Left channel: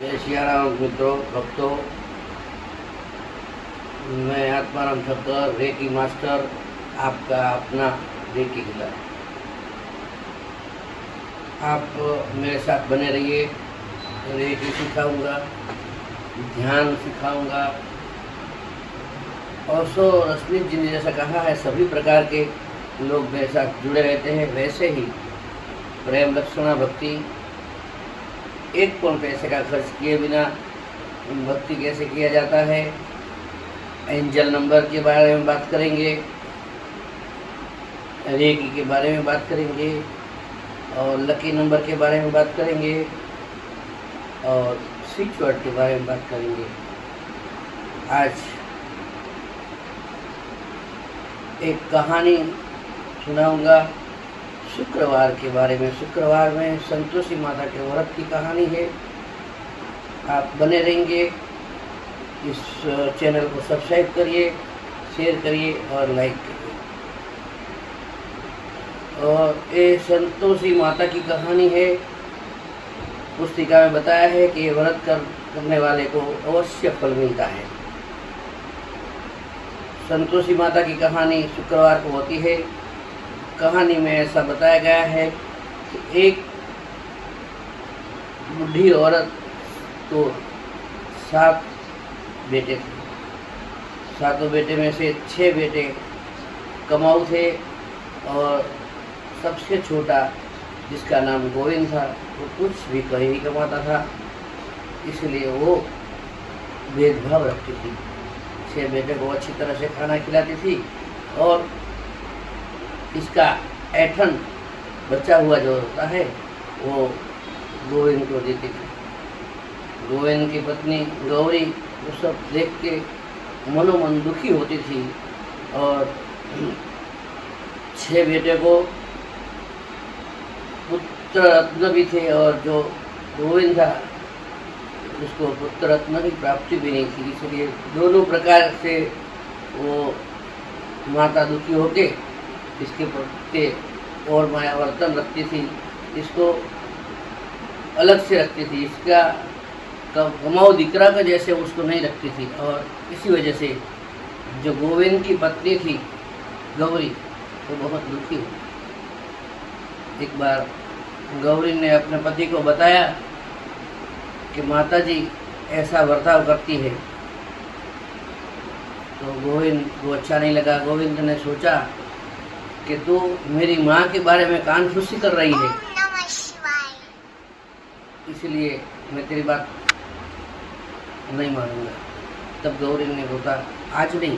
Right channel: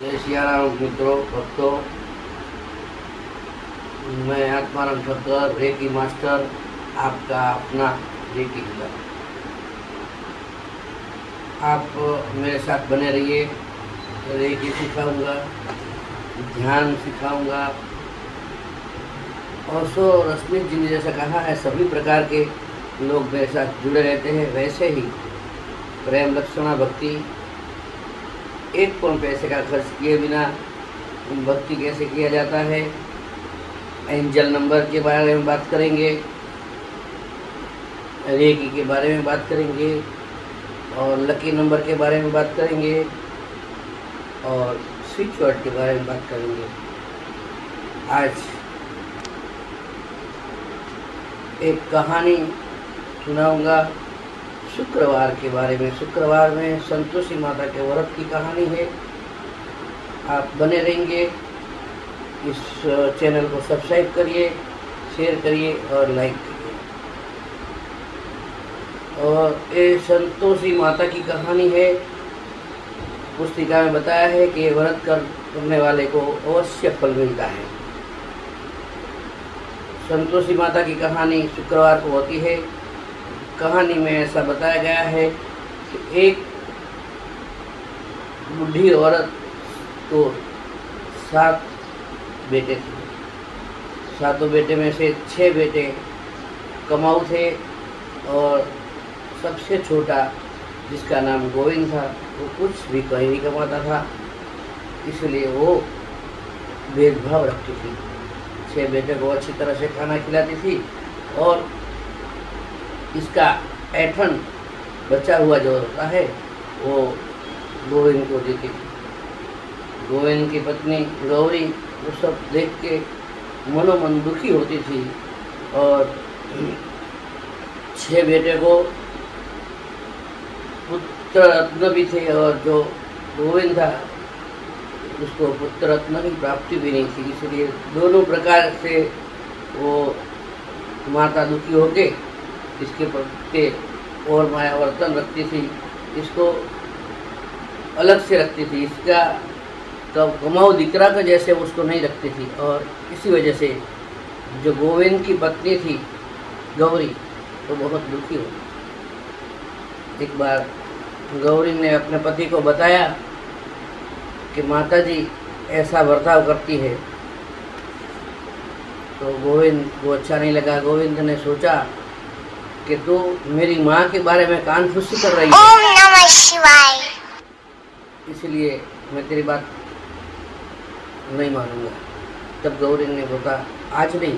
जय सियाराम मित्रों, भक्तों। मैं आत्माराम ठक्कर, रेकी मास्टर, आपका अपना रेकी हीलर। आप मेरे साथ बने रहिए। रेकी सिखाऊंगा, ध्यान सिखाऊंगा। और सो रश्मि जी ने जैसा कहा है, सभी प्रकार के लोग मेरे साथ जुड़े रहते हैं। वैसे ही प्रेम लक्षणा भक्ति, एक कौन पैसे का खर्च किए बिना भक्ति कैसे किया जाता है, एंजल नंबर के बारे में बात करेंगे, रेकी के बारे में बात करेंगे, और लकी नंबर के बारे में बात करेंगे, और स्विच वर्ड के बारे में बात करेंगे। आज एक कहानी सुनाऊंगा शुक्रवार के बारे में। शुक्रवार में संतोषी माता के व्रत की कहानी है। आप बने रहेंगे। इस चैनल को सब्सक्राइब करिए, शेयर करिए और लाइक करिए। और ये संतोषी माता की कहानी है। पुस्तिका में बताया है कि ये व्रत करने वाले को अवश्य फल मिलता है। संतोषी माता की कहानी शुक्रवार को होती है। कहानी में ऐसा बताया गया है कि एक बूढ़ी औरत को 7 बेटे थे। 7 बेटे में से 6 बेटे कमाऊ थे, और सबसे छोटा जिसका नाम गोविंद था, वो कुछ भी कहीं नहीं कमाता था, इसलिए वो भेदभाव रखती थी। 6 बेटे को अच्छी तरह से खाना खिलाती थी, और इसका ऐठन बचा हुआ जो होता है वो गोविंद को देती थी। गोविंद की पत्नी गौरी वो सब देख के मनोमन दुखी होती थी, और 6 बेटे को पुत्र रत्न भी थे, और जो गोविंद था उसको पुत्र रत्न की प्राप्ति भी नहीं थी। इसलिए दोनों प्रकार से वो माता दुखी होके इसके प्रति और मायावर्तन रखती थी, इसको अलग से रखती थी। इसका कमाऊ दिकरा का जैसे उसको नहीं रखती थी, और इसी वजह से जो गोविंद की पत्नी थी गौरी, तो बहुत दुखी हुई। एक बार गौरी ने अपने पति को बताया कि माताजी ऐसा बर्ताव करती है, तो गोविंद को अच्छा नहीं लगा। गोविंद ने सोचा कि तू मेरी माँ के बारे में कान फुसी कर रही है, ओम नमः शिवाय, इसलिए मैं तेरी बात नहीं मानूंगा। तब गौरी ने बोला, आज नहीं,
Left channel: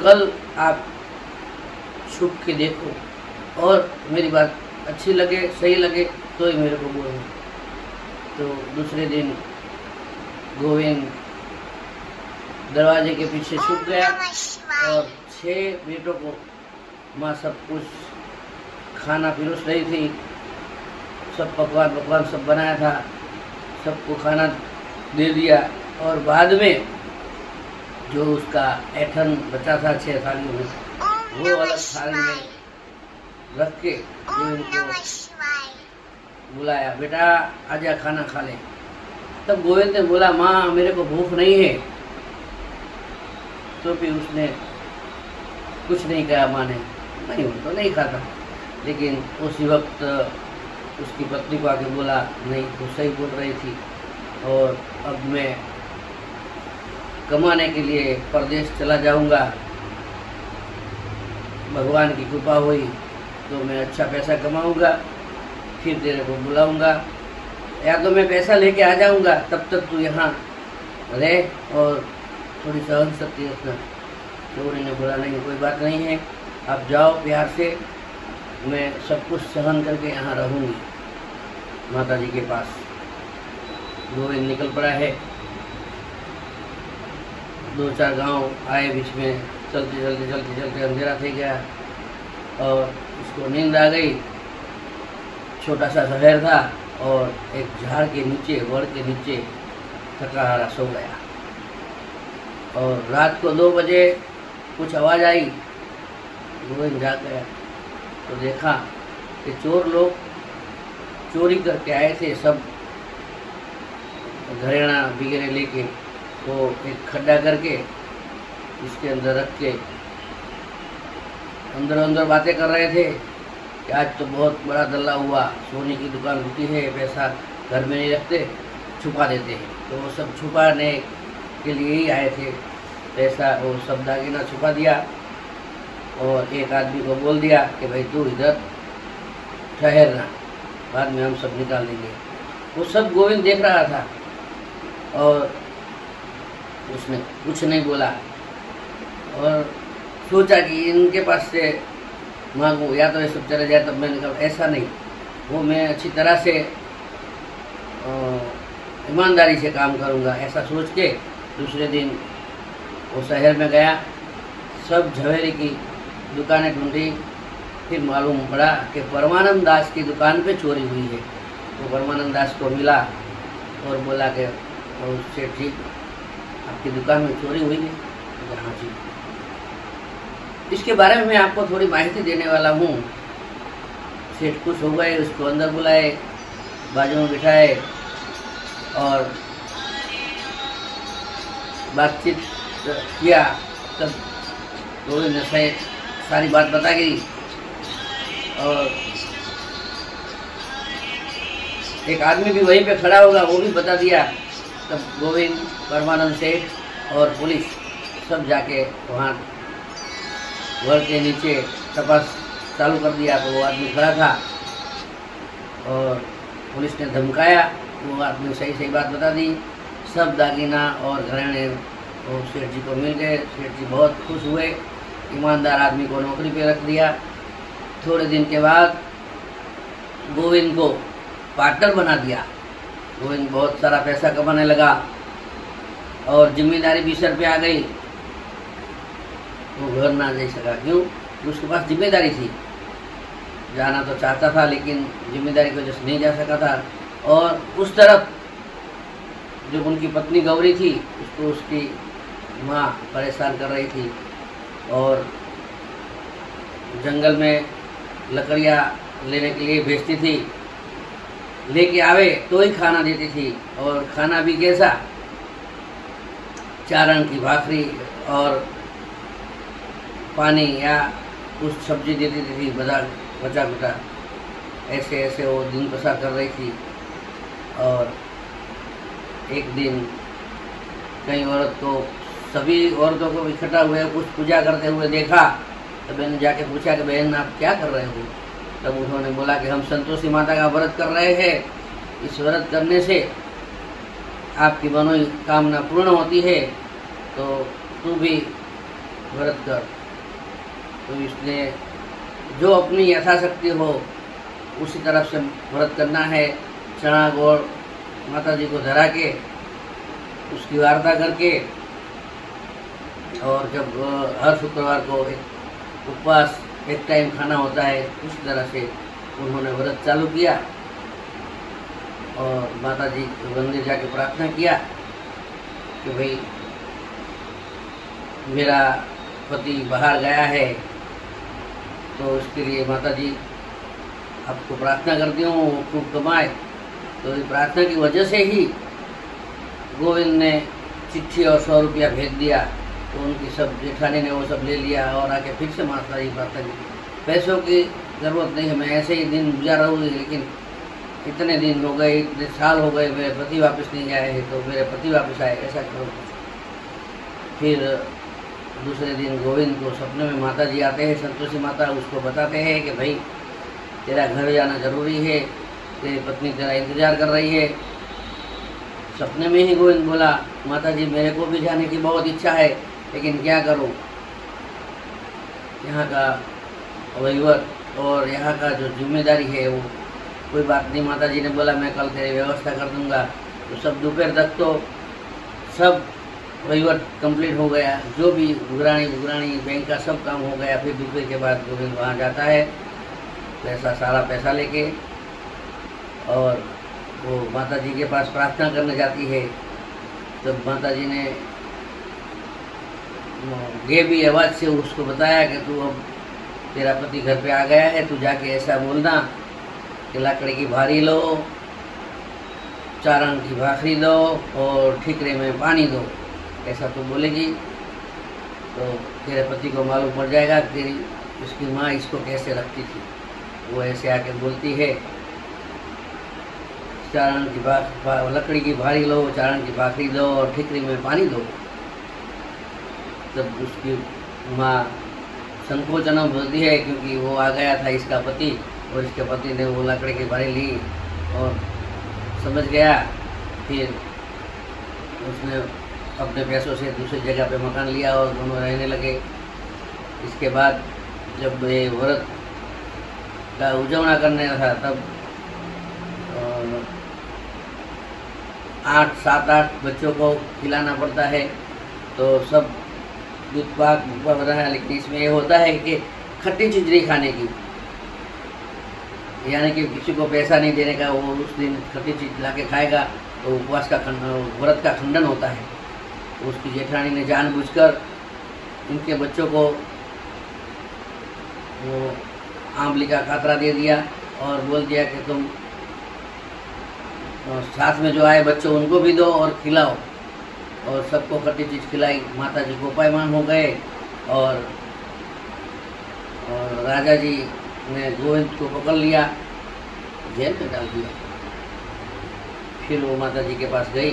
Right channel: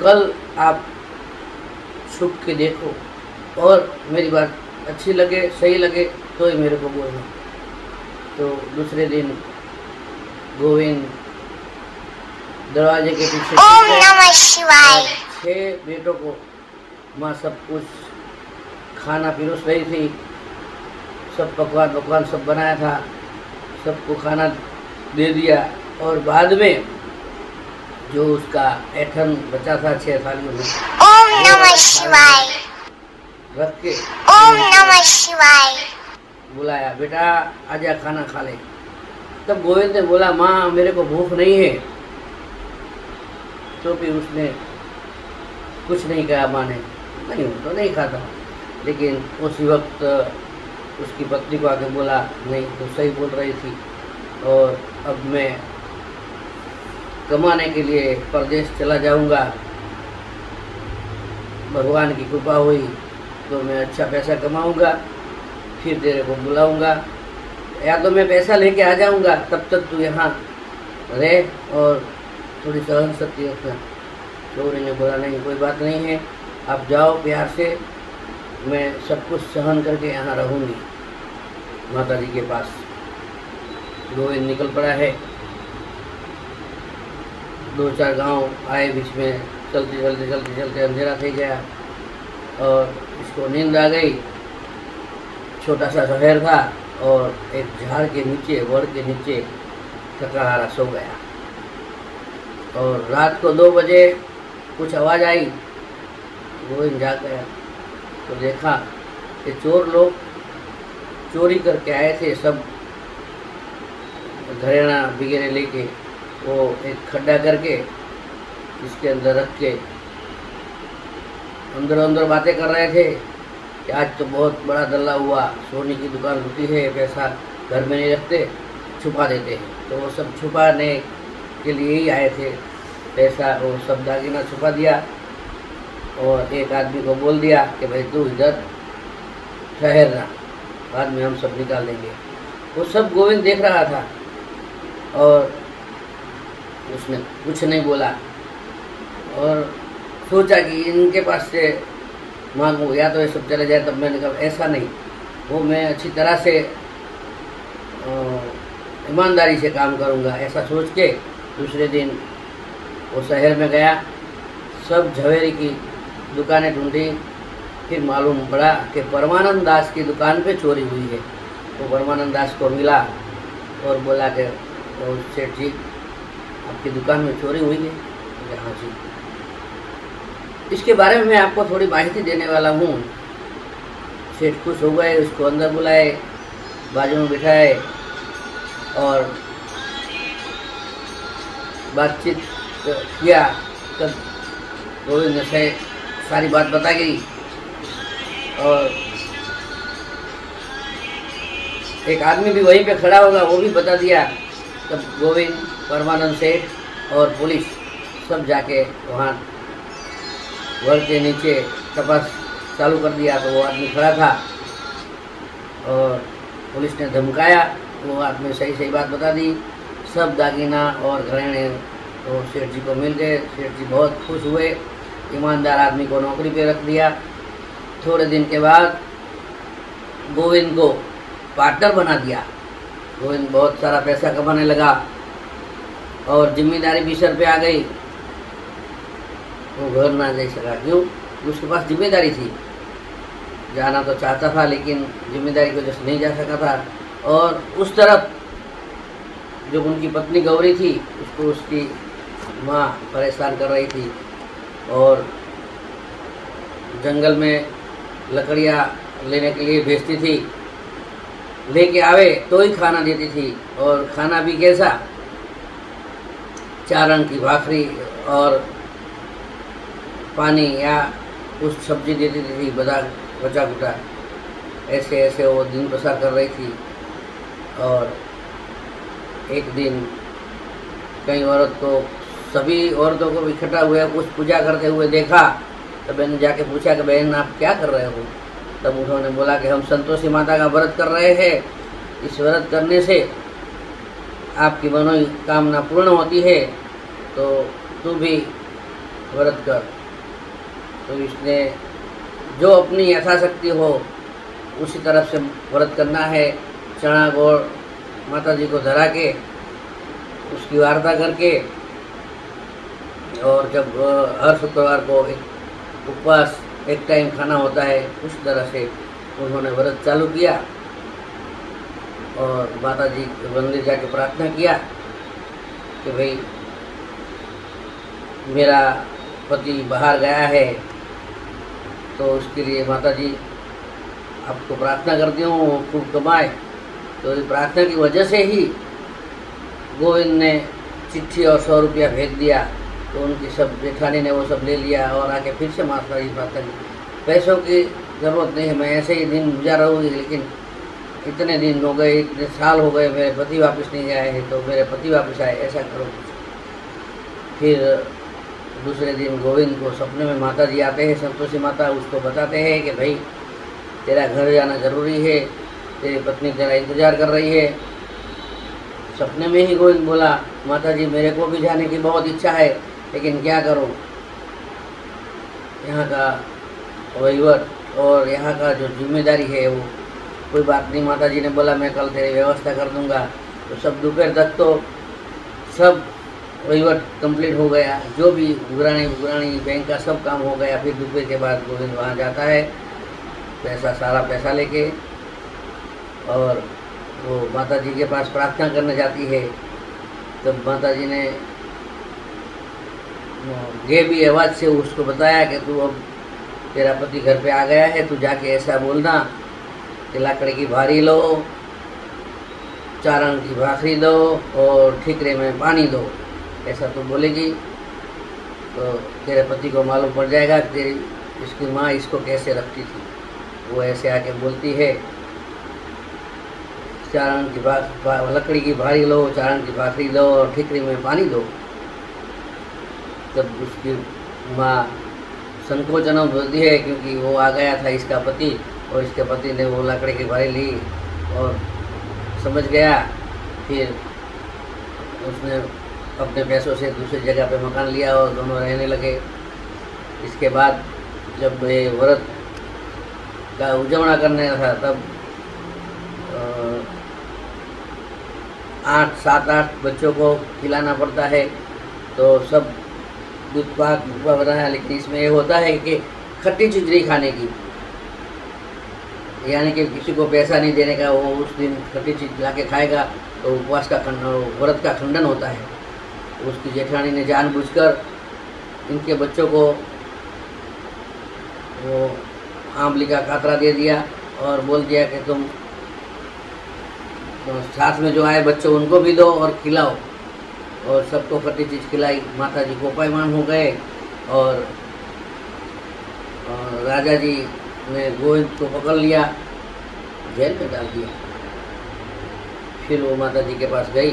कल आप छुप के देखो, और मेरी बात अच्छी लगे, सही लगे तो ही मेरे को बोलना। तो दूसरे दिन गोविंद दरवाजे के पीछे ओम नमः शिवाय 6 बेटों को माँ सब कुछ खाना पिरोस रही थी। सब पकवान सब बनाया था, सबको खाना दे दिया, और बाद में जो उसका ऐठन बचा था 6 थालियों में, ओम नमः शिवाय रख के ओम नमः शिवाय बुलाया, बेटा आजा खाना खा ले। तब गोविंद ने बोला, माँ मेरे को भूख नहीं है। तो भी उसने कुछ नहीं कहा। माँ ने, नहीं वो तो नहीं खाता। लेकिन उसी वक्त उसकी पत्नी को आके बोला, नहीं तो सही बोल रही थी, और अब मैं कमाने के लिए परदेश चला जाऊंगा। भगवान की कृपा हुई तो मैं अच्छा पैसा कमाऊंगा, फिर तेरे को बुलाऊंगा, या तो मैं पैसा लेके आ जाऊंगा, तब तक तू यहाँ रह और थोड़ी सहन शक्ति रखना। गौरी ने बोला, नहीं कोई बात नहीं है, आप जाओ प्यार से, मैं सब कुछ सहन करके यहाँ रहूँगी माता जी के पास। गोविंद निकल पड़ा है। 2-4 गांव आए बीच में, चलते अंधेरा થઈ गया, और इसको नींद आ गई। छोटा सा शहर था, और एक झाड़ के नीचे, वड़ के नीचे थकाहारा सो गया। और रात को 2 बजे कुछ आवाज़ आई। गोविंद जाग गया तो देखा कि चोर लोग चोरी करके आए थे। सब घरेणा वगैरह लेके वो एक खड्डा करके इसके अंदर रख के अंदर अंदर बातें कर रहे थे कि आज तो बहुत बड़ा धल्ला हुआ, सोने की दुकान लुटी है, पैसा घर में नहीं रखते, छुपा देते हैं। तो वो सब छुपाने के लिए ही आए थे, पैसा और सब दागीना छुपा दिया और एक आदमी को बोल दिया कि भाई तू इधर ठहरना, बाद में हम सब निकाल देंगे। वो सब गोविंद देख रहा था और उसने कुछ नहीं बोला और सोचा कि इनके पास से मांगूँ या तो ये सब चले जाए तब मैं निकल। ऐसा नहीं, वो मैं अच्छी तरह से ईमानदारी से काम करूँगा, ऐसा सोच के दूसरे दिन वो शहर में गया, सब झवेरी की दुकानें ढूंढी, फिर मालूम पड़ा कि परमानंद दास की दुकान पे चोरी हुई है। वो परमानंद दास को मिला और बोला कि सेठ जी आपकी दुकान में चोरी हुई है? हाँ जी। इसके बारे में मैं आपको थोड़ी माहिती देने वाला हूँ। सेठ खुश हो गए, उसको अंदर बुलाए, बाजू में बिठाए और बातचीत किया। तब गोविंद ने से सारी बात बता गई और एक आदमी भी वहीं पे खड़ा होगा, वो भी बता दिया। तब गोविंद, परमानंद सेठ और पुलिस सब जाके वहाँ घर के नीचे तपास चालू कर दिया। तो वो आदमी खड़ा था और पुलिस ने धमकाया, वो आदमी सही सही बात बता दी। सब दागीना और घरेणे और सेठ जी को मिल गए। सेठ जी बहुत खुश हुए, ईमानदार आदमी को नौकरी पे रख दिया। थोड़े दिन के बाद गोविंद को पार्टनर बना दिया। गोविंद बहुत सारा पैसा कमाने लगा और जिम्मेदारी भी सर पे आ गई। वो घर ना जा सका, क्यों? उसके पास जिम्मेदारी थी, जाना तो चाहता था लेकिन जिम्मेदारी की वजह से नहीं जा सका था। और उस तरफ जो उनकी पत्नी गौरी थी, उसको उसकी माँ परेशान कर रही थी और जंगल में लकड़ियाँ लेने के लिए भेजती थी, लेके आवे तो ही खाना देती थी। और खाना भी कैसा? चारण की भाखरी और पानी या कुछ सब्जी देती थी, बचा कुटा। ऐसे ऐसे वो दिन बसर कर रही थी। और एक दिन कई औरत को, सभी औरतों को इकट्ठा हुए कुछ पूजा करते हुए देखा। तो मैंने जाके पूछा कि बहन आप क्या कर रहे हो? तब उन्होंने बोला कि हम संतोषी माता का व्रत कर रहे हैं, इस व्रत करने से आपकी मनोकामना पूर्ण होती है, तो तू भी व्रत कर। तो इसने जो अपनी यथाशक्ति हो उसी तरफ से व्रत करना है। चना गोड़ माता जी को धरा के उसकी वार्ता करके, और जब हर शुक्रवार को एक उपवास, एक टाइम खाना होता है, उस तरह से उन्होंने व्रत चालू किया और माता जी के मंदिर जाके प्रार्थना किया कि भाई मेरा पति बाहर गया है, तो उसके लिए माता जी आपको प्रार्थना करती हूँ खूब कमाए। तो इस प्रार्थना की वजह से ही गोविंद ने चिट्ठी और 100 रुपया भेज दिया। तो उनकी सब जेठानी ने वो सब ले लिया और आके फिर से माता जी प्रार्थना की। पैसों की ज़रूरत नहीं है, मैं ऐसे ही दिन गुजार रहूँगी, लेकिन इतने दिन हो गए, इतने साल हो गए, मेरे पति वापस नहीं आए हैं, तो मेरे पति वापस आए, ऐसा करो। फिर दूसरे दिन गोविंद को सपने में माता जी आते हैं, संतोषी माता, उसको बताते हैं कि भाई तेरा घर जाना ज़रूरी है, तेरी पत्नी तेरा इंतज़ार कर रही है। सपने में ही गोविंद बोला, माता जी मेरे को भी जाने की बहुत इच्छा है, लेकिन क्या करूं, यहाँ का वहीवट और यहाँ का जो जिम्मेदारी है वो कोई बात नहीं। माता जी ने बोला मैं कल तेरी व्यवस्था कर दूंगा। तो सब दोपहर तक तो सब वहीवट कंप्लीट हो गया, जो भी गुरानी बैंक का सब काम हो गया। फिर दोपहर के बाद गोविंद वहाँ जाता है, सारा पैसा लेके, और वो माता जी के पास प्रार्थना करने जाती है। तो माता जी ने भी आवाज़ से उसको बताया कि तू अब तेरा पति घर पे आ गया है, तू जाके ऐसा बोलना कि लकड़ी की भारी लो चारण की भाखरी दो और ठीकरे में पानी दो, ऐसा तो बोलेगी तो तेरे पति को मालूम पड़ जाएगा कि तेरी इसकी माँ इसको कैसे रखती थी। वो ऐसे आके बोलती है, चारण की लकड़ी की भारी लो, चारण की भाखरी दो और ठीकरी में पानी दो। तब उसकी माँ संकोचन बोलती है, क्योंकि वो आ गया था इसका पति और इसके पति ने वो लकड़ी की भारी ली और समझ गया। फिर उसने अपने पैसों से दूसरी जगह पे मकान लिया और दोनों रहने लगे। इसके बाद जब ये व्रत का उजवना करने था तब 7-8 बच्चों को खिलाना पड़ता है, तो सब दूध पाक वगैरह है। लेकिन इसमें ये होता है कि खट्टी चीज नहीं खाने की, यानी कि किसी को पैसा नहीं देने का, वो उस दिन खट्टी चीज ला के खाएगा तो उपवास का व्रत का खंडन होता है। उसकी जेठानी ने जानबूझकर इनके बच्चों को वो आंवली का कातरा दे दिया और बोल दिया कि तुम तो साथ में जो आए बच्चों उनको भी दो और खिलाओ, और सबको खट्टी चीज़ खिलाई। माता जी कोपायमान हो गए और राजा जी ने गोविंद को पकड़ लिया, जेल में डाल दिया। फिर वो माता जी के पास गई,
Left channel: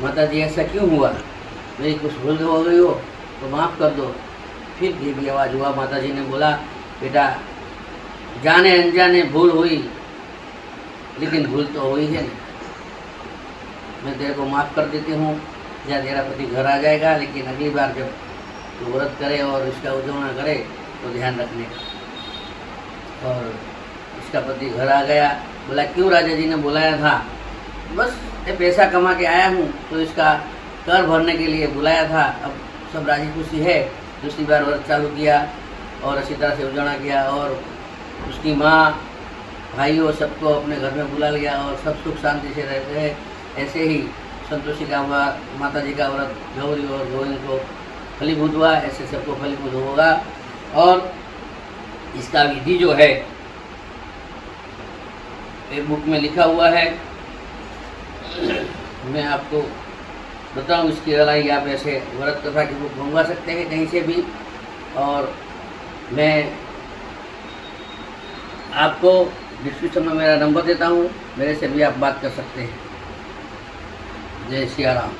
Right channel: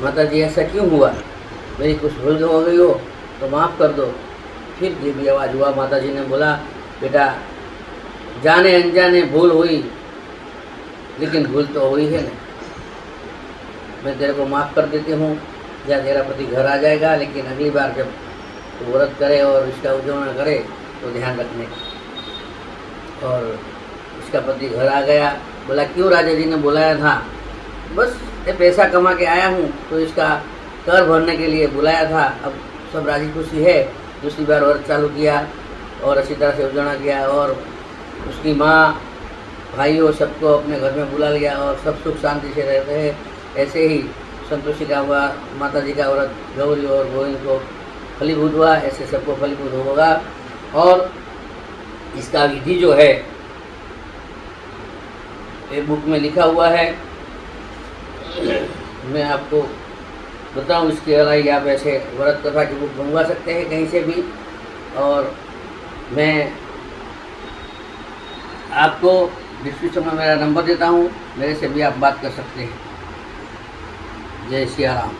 माता जी ऐसा क्यों हुआ, मेरी कुछ भूल हो गई हो तो माफ़ कर दो। फिर ये भी आवाज़ हुआ, माता जी ने बोला, बेटा जाने अनजाने भूल हुई, लेकिन भूल तो हुई है ना, मैं तेरे को माफ़ कर देती हूँ, या तेरा पति घर आ जाएगा, लेकिन अगली बार जब तो व्रत करे और इसका उजवना करे तो ध्यान रखने। और इसका पति घर आ गया। बोला क्यों राजा जी ने बुलाया था? बस ये पैसा कमा के आया हूँ तो इसका कर भरने के लिए बुलाया था। अब सब राजी खुशी है। दूसरी बार व्रत चालू किया और अच्छी तरह से उजवना किया और उसकी माँ भाइयों सबको अपने घर में बुला लिया और सब सुख शांति से रहते हैं। ऐसे ही संतोषी का माता जी का व्रत गौरी और गोविंद को फलीभूत हुआ, ऐसे सबको फलीभूत होगा। और इसका विधि जो है एक बुक में लिखा हुआ है, मैं आपको बताऊं इसकी लड़ाई। आप ऐसे व्रत कथा की बुक मंगवा सकते हैं कहीं से भी, और मैं आपको डिस्क्रिप्शन में मेरा नंबर देता हूं, मेरे से भी आप बात कर सकते हैं। जय सिया राम।